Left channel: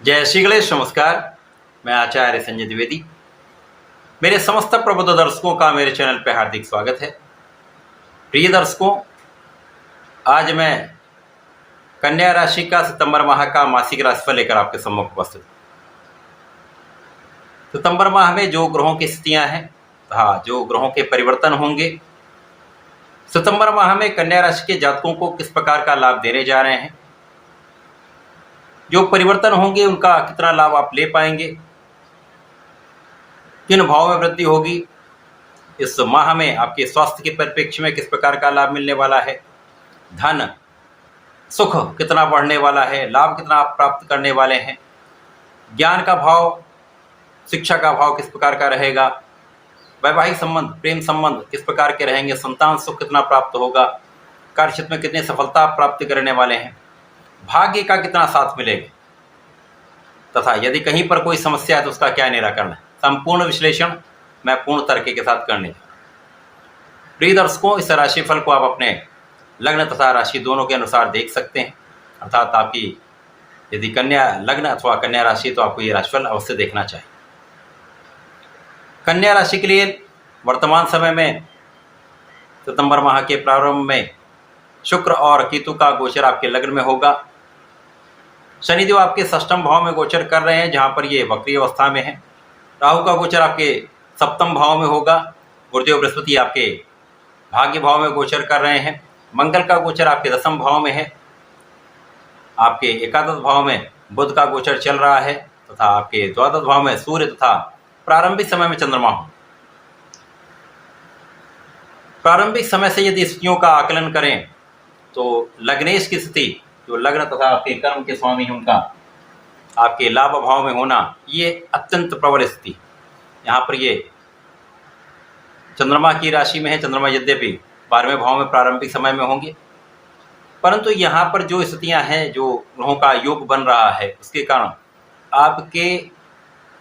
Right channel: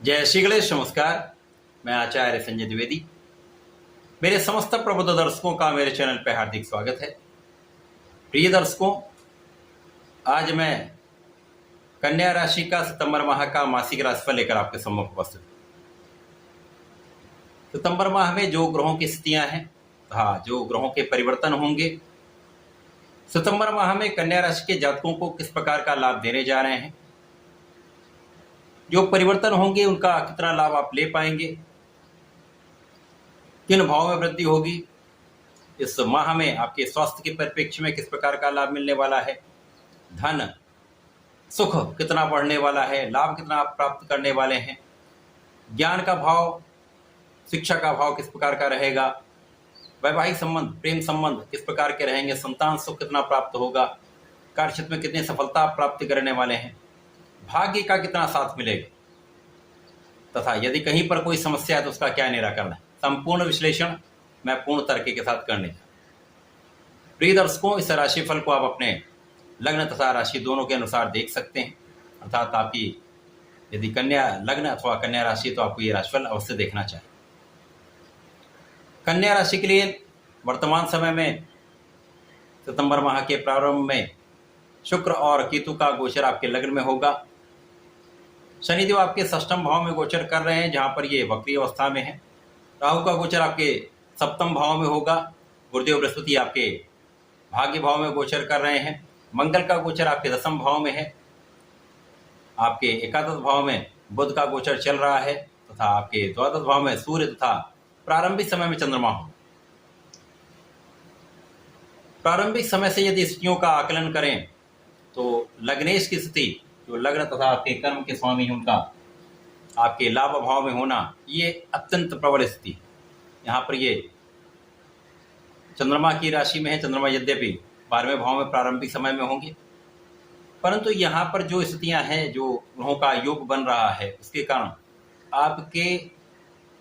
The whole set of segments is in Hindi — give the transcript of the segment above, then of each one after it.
जय श्री गणेश। नमस्कार। मैं आचार्य संजय द्विवेदी। मेरे समस्त प्रबुद्ध दर्शकों का मेरे चैनल पर हार्दिक स्वागत है। प्रिय दर्शकों, आज मैं कन्या राशि का सितंबर माह का मासिक राशिफल लेकर आपके सम्मुख उपस्थित हूं। सितंबर माह में जो ग्रहों की स्थितियां हैं, जो ग्रहों के परिवर्तन होंगे, सितंबर माह में कन्या राशि के जातकों को किस प्रकार का लाभ देने जा रहे हैं, जो परिवर्तन होंगे उनका कितना लाभ आप ले पाएंगे, किन भाव में वृद्धि होगी, इस माह में आपके स्वास्थ्य के परिप्रेक्ष्य में किस प्रकार का लाभ मिलने वाला है, धन सुख कितना बढ़ने वाला है, लाभ कितना आप प्राप्त करने वाले हैं, ज्ञान का भाव, शिक्षा का भाव किस प्रकार का रहेगा, वैवाहिक संबंध, प्रेम संबंध किस प्रकार के रहेंगे, संतान सुख कितना प्राप्त होगा, कार्यक्षेत्र में कितनी सफलता आप प्राप्त करने वाले हैं, भाग्य का कितना साथ मिलेगा, तथा यदि कहीं पर कोई समस्या है तो उसका क्या निराकरण है। संपूर्ण विश्लेषण मैं पूर्ण तर्क के साथ करने जा रहा हूं। प्रिय दर्शकों, इस राशिफल को आप अपने लग्न तथा राशि दोनों के अनुसार देख सकते हैं। अर्थात आपकी यदि कन्या लग्न अथवा कन्या राशि तो आपको ये राशिफल अवश्य देखना चाहिए। कन्या राशि के लिए वर्तमान समय में सितंबर माह के प्रारंभ में शुक्र और केतु का गोचर आपके लग्न में होगा। शनिदेव आपके षष्ठम भाव में गोचर कर रहे हैं, जहां पर ये वक्री अवस्था में है। राहु का गोचर आपके सप्तम भाव में होगा। गुरुदेव बृहस्पति आपके भाग्य भाव में गोचर कर रहे हैं। मंगल का गोचर आपके दसम भाव में है। आपके एकादश भाव में बुध का गोचर चल रहा है तथा आपके द्वादश भाव में सूर्य तथा प्रारंभिक समय में चंद्रमा हो। प्रारंभिक समय से यदि स्थितियों का आकलन करें तो लग्नेश की स्थिति, जो लग्न तथा आपके कर्म के स्वामी हैं, उनका आपके लाभ भाव में होना ये अत्यंत प्रबल स्थिति। यहाँ पर ये चंद्रमा की राशि में है। चंद्रमा यद्यपि 12वें भाव में प्रारंभिक समय में होंगे, परंतु यहाँ पर जो स्थितियाँ हैं, जो ग्रहों का योग बन रहा है, उसके कारण आपके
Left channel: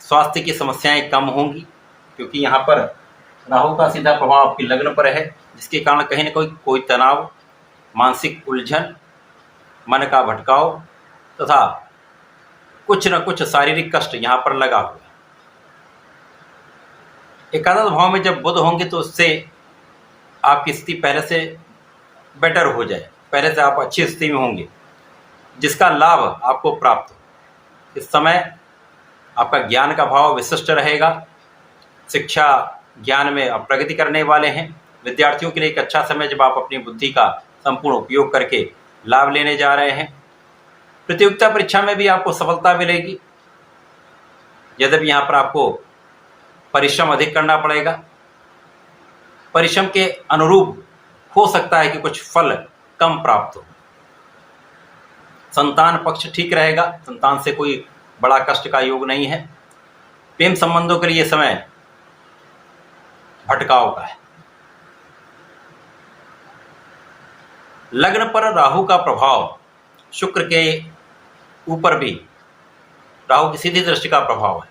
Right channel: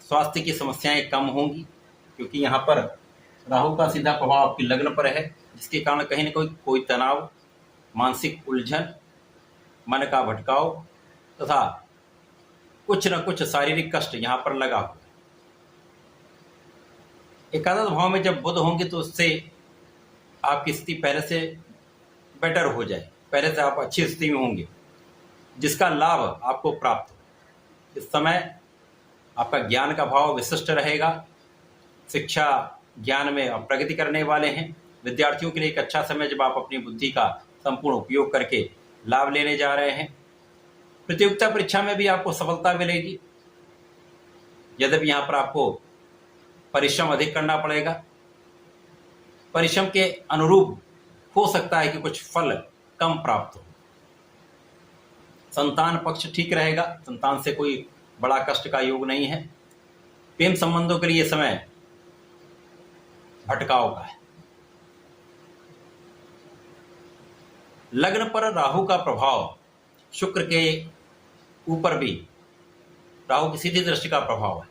स्वास्थ्य की समस्याएं कम होंगी, क्योंकि यहाँ पर राहु का सीधा प्रभाव आपके लग्न पर है, जिसके कारण कहीं ना कोई तनाव, मानसिक उलझन, मन का भटकाव तथा कुछ न कुछ शारीरिक कष्ट यहाँ पर लगा हुआ है। एकादश भाव में जब बुध होंगे तो उससे आपकी स्थिति पहले से बेटर हो जाए, पहले से आप अच्छी स्थिति में होंगे, जिसका लाभ आपको प्राप्त हो। इस समय आपका ज्ञान का भाव विशिष्ट रहेगा। शिक्षा ज्ञान में आप प्रगति करने वाले हैं। विद्यार्थियों के लिए एक अच्छा समय, जब आप अपनी बुद्धि का संपूर्ण उपयोग करके लाभ लेने जा रहे हैं। प्रतियोगिता परीक्षा में भी आपको सफलता मिलेगी, यद्यपि यहाँ पर आपको परिश्रम अधिक करना पड़ेगा। परिश्रम के अनुरूप हो सकता है कि कुछ फल कम प्राप्त हो। संतान पक्ष ठीक रहेगा, संतान से कोई बड़ा कष्ट का योग नहीं है। प्रेम संबंधों के लिए समय भटकाव का है। लग्न पर राहु का प्रभाव, शुक्र के ऊपर भी राहु की सीधी दृष्टि का प्रभाव है,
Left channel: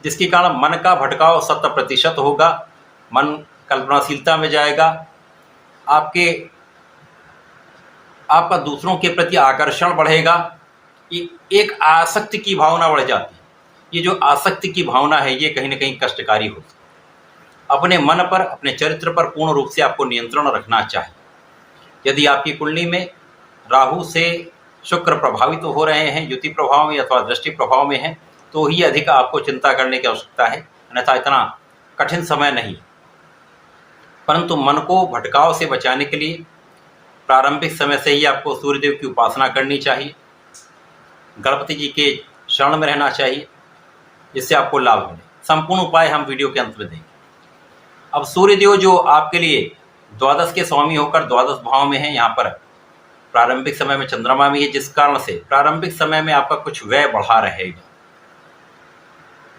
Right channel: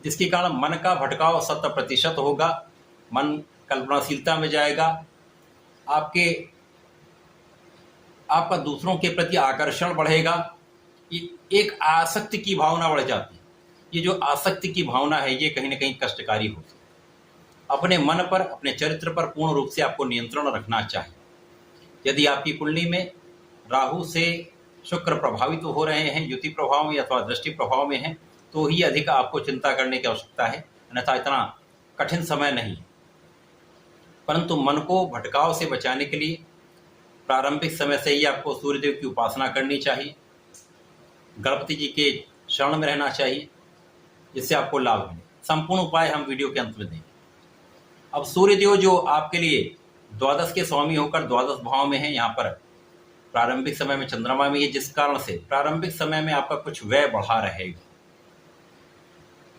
जिसके कारण मन का भटकाव 100% होगा। मन कल्पनाशीलता में जाएगा। आपका दूसरों के प्रति आकर्षण बढ़ेगा। ये एक आसक्ति की भावना बढ़ जाती है। ये जो आसक्ति की भावना है, ये कहीं ना कहीं कष्टकारी होती है। अपने मन पर, अपने चरित्र पर पूर्ण रूप से आपको नियंत्रण रखना चाहिए। यदि आपकी कुंडली में राहु से शुक्र प्रभावित हो रहे हैं, युति प्रभाव में अथवा दृष्टि प्रभाव में है, तो ही अधिक आपको चिंता करने की आवश्यकता है, अन्यथा इतना कठिन समय नहीं। परंतु मन को भटकाव से बचाने के लिए प्रारंभिक समय से ही आपको सूर्यदेव की उपासना करनी चाहिए। गणपति जी के शरण में रहना चाहिए, जिससे आपको लाभ मिले। संपूर्ण उपाय हम वीडियो के अंत में देंगे। अब सूर्यदेव जो आपके लिए द्वादश के स्वामी होकर द्वादश भाव में है, यहाँ पर प्रारंभिक समय में चंद्रमा में है, जिस कारण से प्रारंभिक समय में आपका कुछ व्यय बढ़ा रहेगा।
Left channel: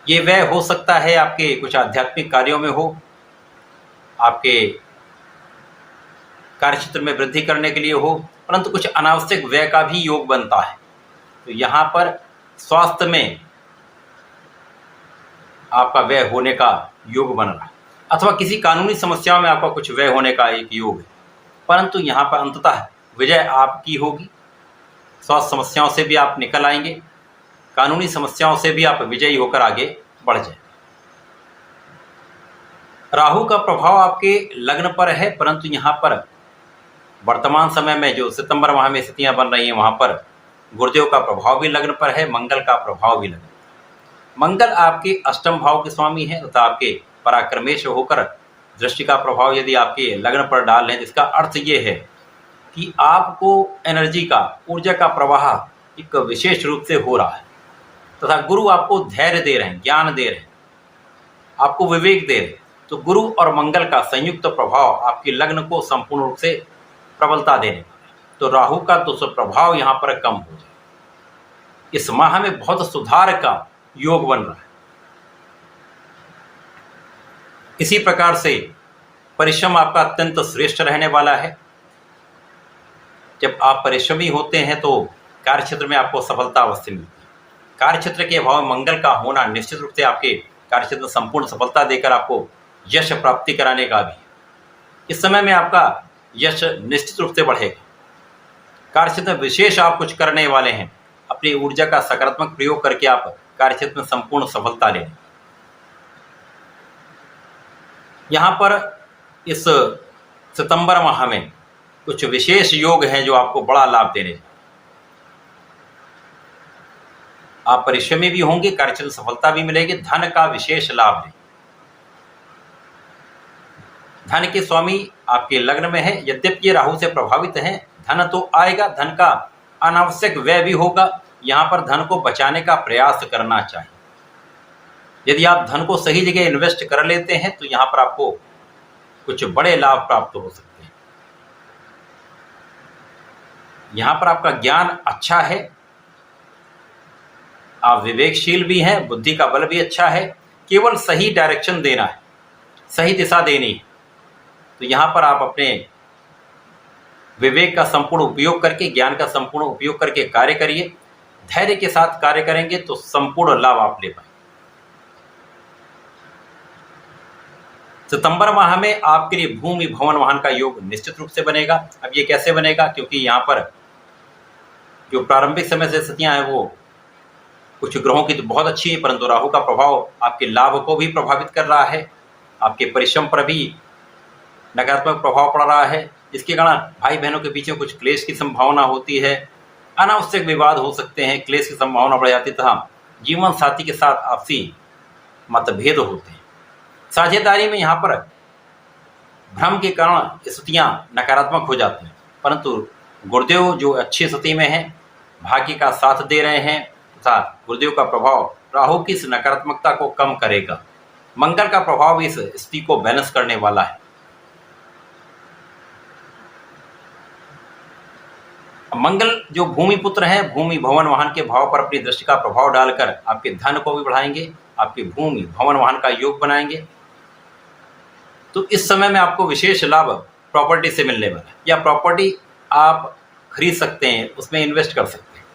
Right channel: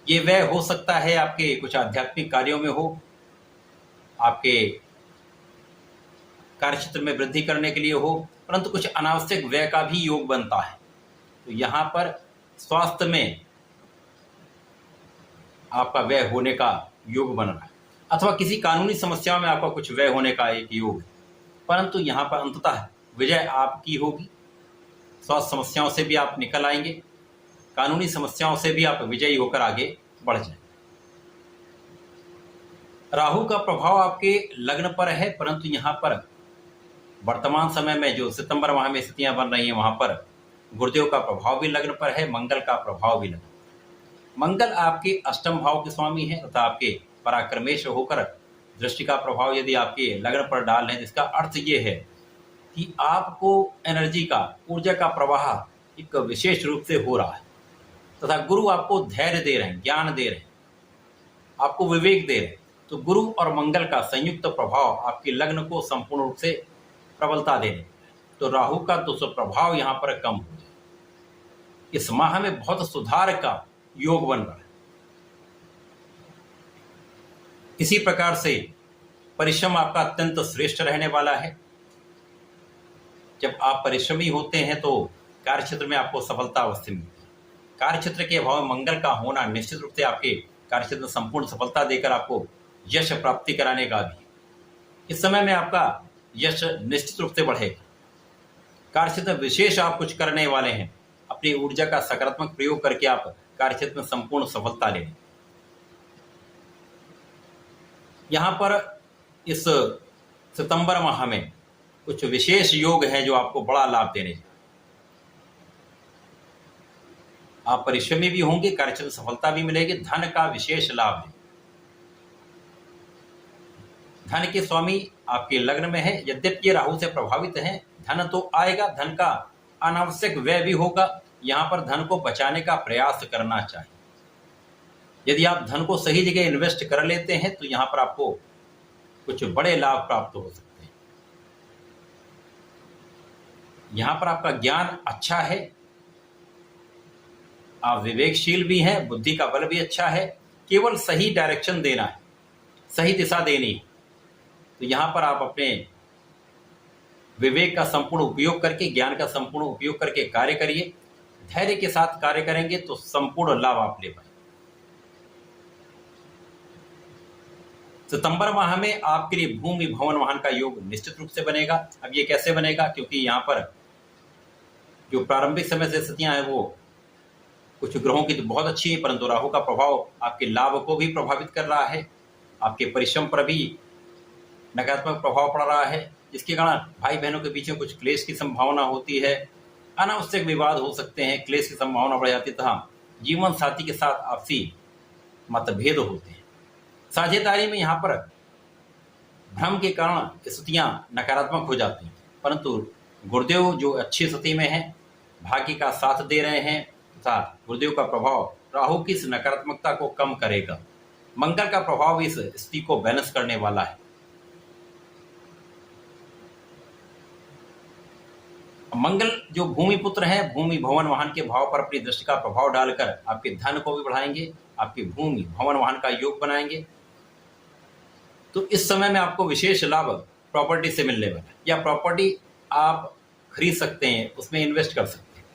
ये व्यय हो सकता है आपके कुछ आध्यात्मिक कार्यों में हो, आपके कार्यक्षेत्र में वृद्धि करने के लिए हो, परंतु कुछ अनावश्यक व्यय का भी योग बनता है। तो यहाँ पर स्वास्थ्य में आपका व्यय होने का योग बन रहा है, अथवा किसी कानूनी समस्याओं में आपका कुछ व्यय होने का एक योग है। परंतु यहाँ पर अंततः विजय आपकी होगी। स्वास्थ्य समस्याओं से भी आप निकल आएंगे। कानूनी समस्याओं से भी आप विजयी होकर आगे बढ़ जाए। राहु का प्रभाव आपके लग्न पर है, परंतु यहाँ पर वर्तमान समय में जो सितंबर माह में स्थितियां बन रही हैं वहां पर गुरुदेव का प्रभाव भी लग्न पर है, मंगल का प्रभाव भी लग्न पर। मंगल आपके अष्टम भाव के स्वामी है तथा आपके पराक्रमेश होकर दृष्टि का प्रभाव यदि आपके लग्न पर डाल रहे हैं, जिसका अर्थ ये है कि आपको एनर्जी का, ऊर्जा का प्रवाह एक विशेष रूप से हो रहा है तथा गुरु आपको धैर्य दे रहे हैं, ज्ञान दे रहे हैं, आपको विवेक दे रहे हैं। तो गुरु और मंगल का संयुक्त प्रभाव आपके लग्न को संपूर्ण रूप से प्रबलता देने वाला है। तो राहु का दुष्प्रभाव यहाँ पर कम हो जाए। इस माह में बहुत सुधार का योग बन रहा है। इसी प्रकार से परिश्रम आपका अत्यंत श्रेष्ठ रहने वाला है। जब आप परिश्रमी होते हैं तो कार्यक्षेत्र में आपको सफलता अवश्य मिलती है। कार्यक्षेत्र के अभाव में मंगल का होना निश्चित रूप से आपके कार्यक्षेत्र में संपूर्ण सफलता देकर आपको यश प्राप्ति कराने का भी है। इस समय में आपका यश निश्चित रूप से बढ़ेगा। कार्यक्षेत्र में विशेष आप कुछ करने वाले हैं। अपनी ऊर्जा का सकारात्मक प्रयोग करके आप कार्यक्षेत्र में संपूर्ण सफलता लें। यहाँ पर इस सितंबर माह में कुछ विशेष योग हैं जो आपको बड़ा लाभ देने। आप परिश्रमी भी होंगे, कार्यक्षेत्र में सफलता भी मिलेगी, धन का विशेष लाभ दें। धन के स्वामी आपके लग्न में है, यद्यपि ये राहु से प्रभावित हैं, धन तो आएगा, धन का अनावश्यक व्यय भी होगा। यहाँ पर धन को बचाने का प्रयास करना चाहिए। यदि आप धन को सही जगह इन्वेस्ट कर लेते हैं तो यहाँ पर आपको कुछ बड़े लाभ प्राप्त हो सकते हैं। यहाँ पर आपका ज्ञान अच्छा है, आप विवेकशील भी हैं, बुद्धि का बल भी अच्छा है। केवल सही डायरेक्शन देना है, सही दिशा देनी है। तो यहाँ पर आप अपने विवेक का संपूर्ण उपयोग करके, ज्ञान का संपूर्ण उपयोग करके कार्य करिए। धैर्य के साथ कार्य करेंगे तो संपूर्ण लाभ आप ले पाएंगे। सितंबर माह में आपके लिए भूमि भवन वाहन का योग निश्चित रूप से बनेगा। अब ये कैसे बनेगा, क्योंकि यहाँ पर जो प्रारंभिक समय से स्थितियां हैं वो कुछ ग्रहों की तो बहुत अच्छी है, परंतु राहु का प्रभाव आपके लाभ को भी प्रभावित कर रहा है, आपके परिश्रम पर भी नकारात्मक प्रभाव पड़ रहा है, जिसके कारण भाई बहनों के बीच में कुछ क्लेश की संभावना होती है, अनावश्यक विवाद हो सकते हैं, क्लेश की संभावना बढ़ जाती है तथा जीवन साथी के साथ आपसी मतभेद होते हैं। साझेदारी में यहाँ पर भ्रम के कारण स्थितियाँ नकारात्मक हो जाती हैं, परंतु गुरुदेव जो अच्छी स्थिति में है, भाग्य का साथ दे रहे हैं तथा गुरुदेव का प्रभाव राहु की इस नकारात्मकता को कम करेगा। मंगल का प्रभाव इस स्थिति को बैलेंस करने वाला है। मंगल जो भूमि पुत्र हैं, भूमि भवन वाहन के भाव पर अपनी दृष्टि का प्रभाव डालकर आपके धन को भी बढ़ाएंगे, आपकी भूमि भवन वाहन का योग बनाएंगे। तो इस समय में आपको विशेष लाभ प्रॉपर्टी से मिलने वाला है, या प्रॉपर्टी आप खरीद सकते हैं, उसमें इन्वेस्ट कर सकते हैं।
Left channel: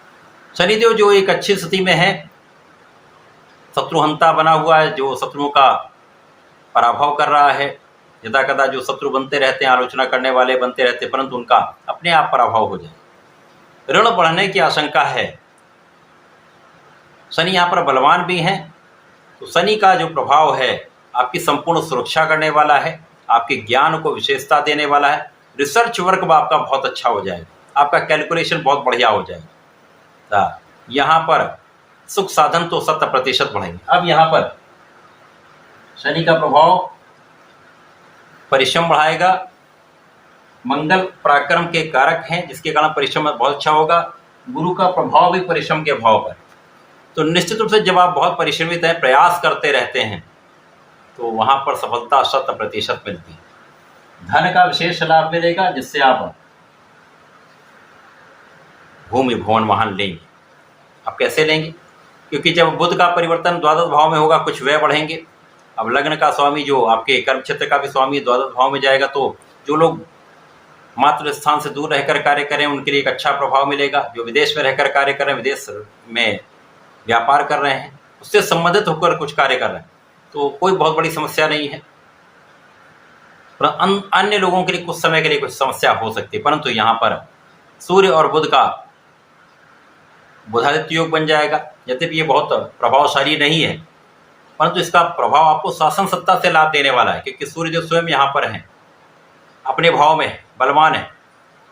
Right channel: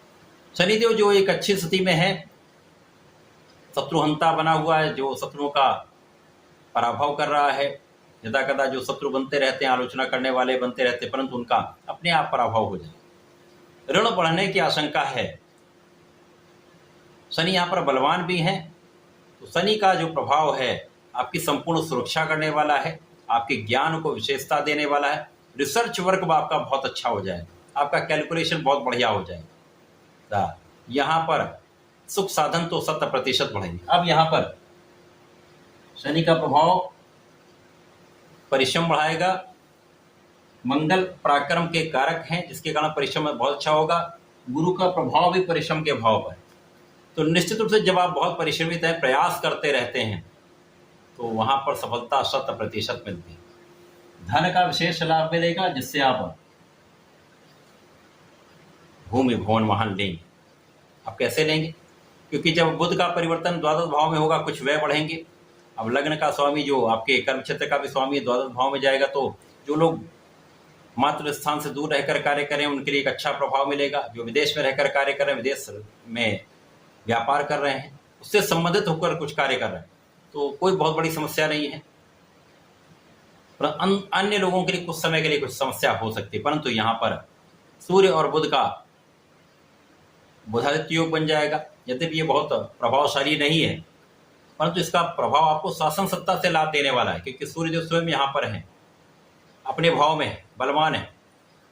शनिदेव जो एक अच्छी स्थिति में है, शत्रुहंता बना हुआ है, जो शत्रुओं का पराभव कर रहा है। यदा कदा जो शत्रु बनते रहते हैं, आलोचना करने वाले बनते रहते हैं, परंतु उनका अपने आप पराभव हो जाए। ऋण बढ़ने की आशंका है। शनि यहाँ पर बलवान भी हैं, तो शनि का जो प्रभाव है आपकी संपूर्ण सुरक्षा करने वाला है, आपके ज्ञान को विशेषता देने वाला है। रिसर्च वर्क आपका बहुत अच्छा हो जाएगा, आपका कैलकुलेशन बहुत बढ़िया हो जाएगा। तो यहाँ पर सुख साधन तो 100% बढ़ेंगे। अब यहाँ पर शनि का प्रभाव परिश्रम बढ़ाएगा। मंगल पराक्रम के कारक हैं, जिसके कारण परिश्रम बहुत अच्छा होगा। गुरु का प्रभाव भी परिश्रम के भाव पर, तो निश्चित रूप से जब आप बहुत परिश्रमित हैं, प्रयास करते रहते हैं, तो वहां पर सफलता 100% मिलती है। धन का विशेष लाभ मिलेगा, जिससे आप भूमि भवन वाहन लेंगे। आप कैसे लेंगे, क्योंकि जब बुध का परिवर्तन द्वादश भाव में होगा, कुछ व्यय बढ़ेंगे। अब लग्न का स्वामी जो आपके कर्म क्षेत्र का भी स्वामी द्वादश भाव में जाएगा, तो जो लोग मातृ स्थान से दूर रहकर कार्य करें उनके लिए एक अच्छा प्रभाव मिलेगा। जो विदेश में रहकर कार्य कर रहे हैं, विदेश में व्यापार कर रहे हैं, उससे संबंधित होकर कुछ कार्य कर रहे हैं, तो कोई बहुत बड़ी समस्या नहीं है। अन्य लोगों के लिए कुछ समय के लिए कुछ समस्या हो सकती है, परंतु यहाँ पर सूर्य और बुध का बुधादित्य योग बन जाएगा। यद्यपि ये बहुत प्रभावशाली नहीं है, परंतु इसका प्रभाव आपको शासन सत्ता से लाभ देने वाला है, क्योंकि सूर्यदेव स्वयं यहाँ पर हैं, अपने भाव में है, बलवान है,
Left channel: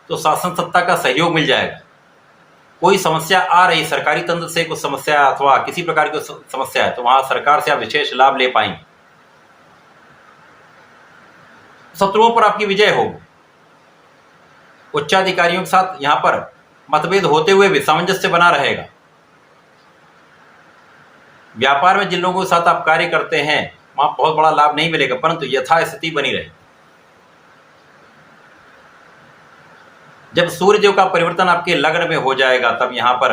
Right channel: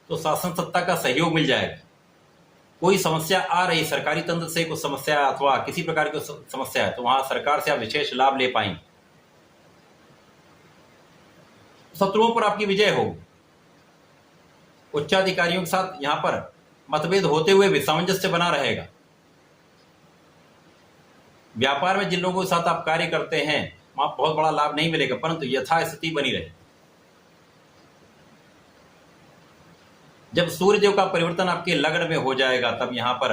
तो शासन सत्ता का सहयोग मिल जाएगा। कोई समस्या आ रही, सरकारी तंत्र से कुछ समस्या अथवा किसी प्रकार की समस्या है, तो वहां सरकार से आप विशेष लाभ ले पाएंगे। शत्रुओं पर आपकी विजय होगी। उच्चाधिकारियों के साथ यहां पर मतभेद होते हुए भी सामंजस्य बना रहेगा। व्यापार में जिन लोगों के साथ आप कार्य करते हैं वहां बहुत बड़ा लाभ नहीं मिलेगा, परंतु यथास्थिति बनी रहे। जब सूर्यदेव का परिवर्तन आपके लग्न में हो जाएगा, तब यहां पर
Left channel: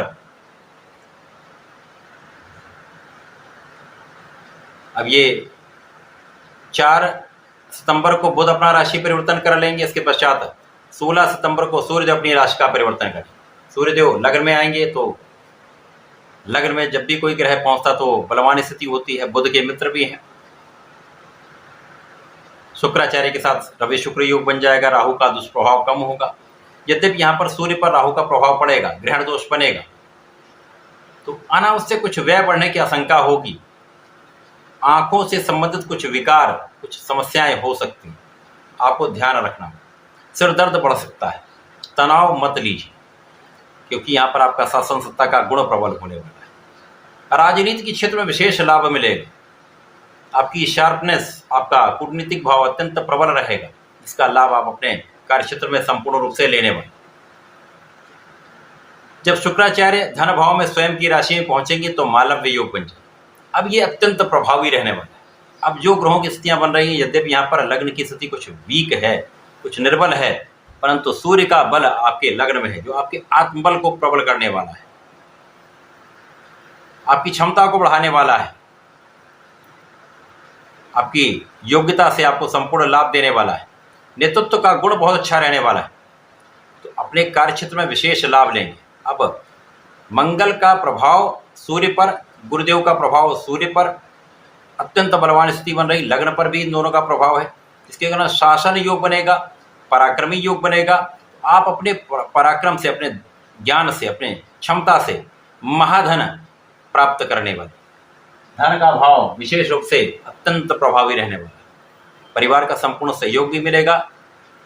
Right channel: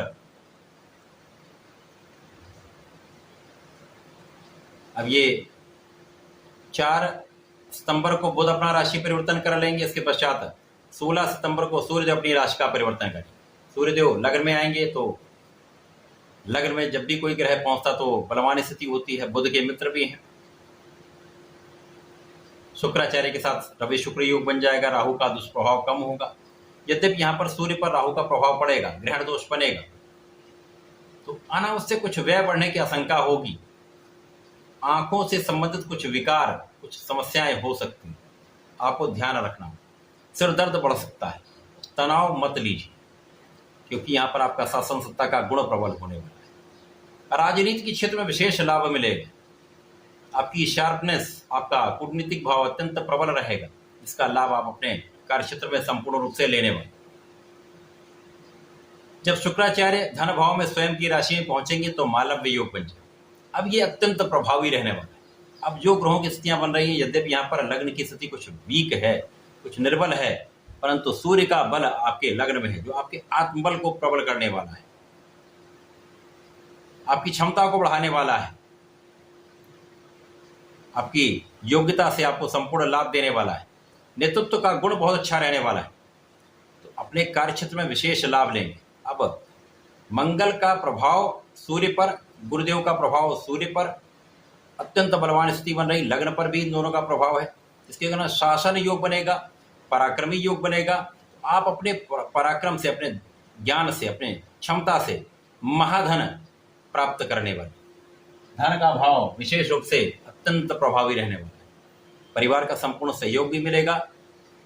अब ये 4 सितंबर को बुध अपना राशि परिवर्तन कर लेंगे। इसके पश्चात 16 सितंबर को सूर्यदेव अपनी राशि का परिवर्तन करें। सूर्यदेव लग्न में आएंगे, तो लग्न में जब भी कोई ग्रह पहुंचता तो बलवान स्थिति होती है। बुध के मित्र भी हैं। शुक्राचार्य के साथ रवि शुक्र योग बन जाएगा। राहु का दुष्प्रभाव कम होगा। यद्यपि यहां पर सूर्य पर राहु का प्रभाव पड़ेगा, ग्रहण दोष बनेगा, तो अनावश्यक कुछ व्यय बढ़ने की आशंका होगी। आंखों से संबंधित कुछ विकार, कुछ समस्याएं हो सकती हैं, आपको ध्यान रखना। सिर दर्द बढ़ सकता है, तनाव मत लीजिए, क्योंकि यहां पर आपका शासन सत्ता का गुण प्रबल होने वाला है। राजनीति के क्षेत्र में विशेष लाभ मिलेगा। आपकी शार्पनेस, आपका कूटनीतिक भाव अत्यंत प्रबल रहेगा, जिसका लाभ आप अपने कार्य क्षेत्र में संपूर्ण रूप से लेने वाले। जब शुक्राचार्य धन भाव में स्वयं की राशि में पहुंचेंगे तो मालव्य योग बन जाए। अब ये अत्यंत प्रभावी रहने वाला है। अब जो ग्रहों की स्थितियां बन रही हैं, यद्यपि यहाँ पर लग्न की स्थिति कुछ वीक है, कुछ निर्बल है, परंतु सूर्य का बल आपके लग्न में है, जो आपके आत्मबल को प्रबल करने वाला है, आपकी क्षमता को बढ़ाने वाला है, आपकी योग्यता से आपको संपूर्ण लाभ देने वाला है। नेतृत्व का गुण बहुत अच्छा रहने वाला है, तो अपने कार्य क्षेत्र में विशेष लाभ लेंगे। अब मंगल का प्रभाव सूर्य पर, गुरुदेव का प्रभाव सूर्य पर, अत्यंत बलवान स्थिति बन रही। लग्न पर भी इन दोनों का प्रभाव है। इसके कारण शासन योग बनेगा, पराक्रमी योग बनेगा। आप अपने पराक्रम से, अपने ज्ञान से, अपने क्षमता से महाधन प्राप्त करने वाले। धन का भाव विशेष रूप से अत्यंत प्रभावी रहने वाला। परिवार का संपूर्ण सहयोग भी मिलेगा।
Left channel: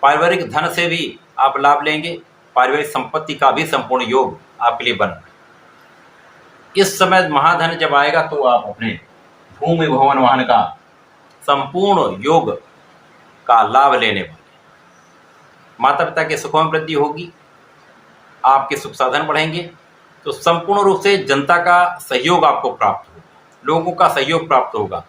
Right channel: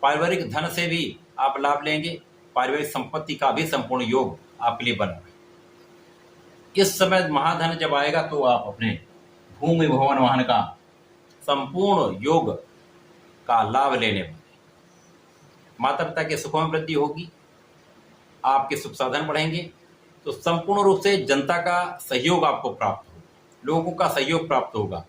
पारिवारिक धन से भी आप लाभ लेंगे। पारिवारिक संपत्ति का भी संपूर्ण योग आपके लिए बन रहा है। इस समय महाधन जब आएगा तो आप अपने भूमि भवन वाहन का संपूर्ण योग का लाभ लेने वाले। माता पिता के सुखों में वृद्धि होगी, आपके सुख साधन बढ़ेंगे, तो संपूर्ण रूप से जनता का सहयोग आपको प्राप्त होगा, लोगों का सहयोग प्राप्त होगा।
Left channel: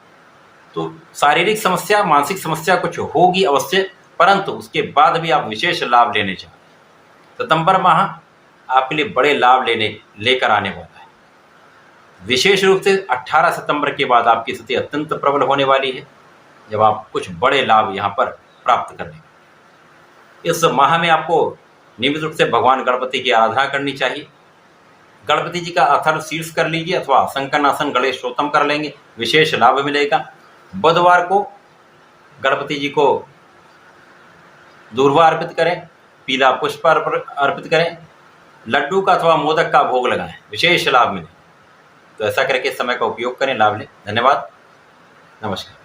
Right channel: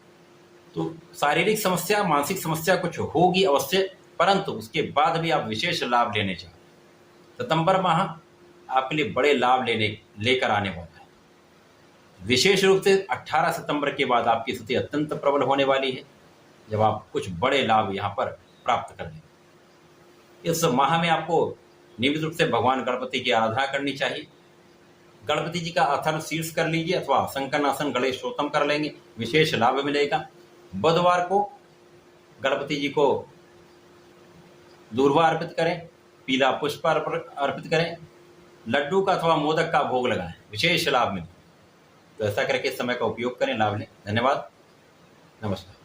तो शारीरिक समस्या, मानसिक समस्या कुछ होगी अवश्य, परंतु उसके बाद भी आप विशेष लाभ लेने चाहते हैं। सितंबर माह आपके लिए बड़े लाभ लेकर आने वाला है। विशेष रूप से 18 सितंबर के बाद आपकी स्थिति अत्यंत प्रबल होने वाली है, जब आप कुछ बड़े लाभ यहाँ पर प्राप्त कर लेंगे। इस माह में आपको नियमित रूप से भगवान गणपति की आराधना करनी चाहिए। गणपति जी का अथर्व शीर्ष कर लीजिए अथवा संकनासन गणेश स्तोत्रम कर लेंगे, विशेष लाभ मिलेगा। बुधवार को गणपति जी को दूर्वा अर्पित करें, पीला पुष्प अर्पित करें, लड्डू का अथवा मोदक का भोग लगाएं, विशेष लाभ मिले। तो ऐसा करके समय का उपयोग करें, लाभ लें। धन्यवाद, नमस्कार।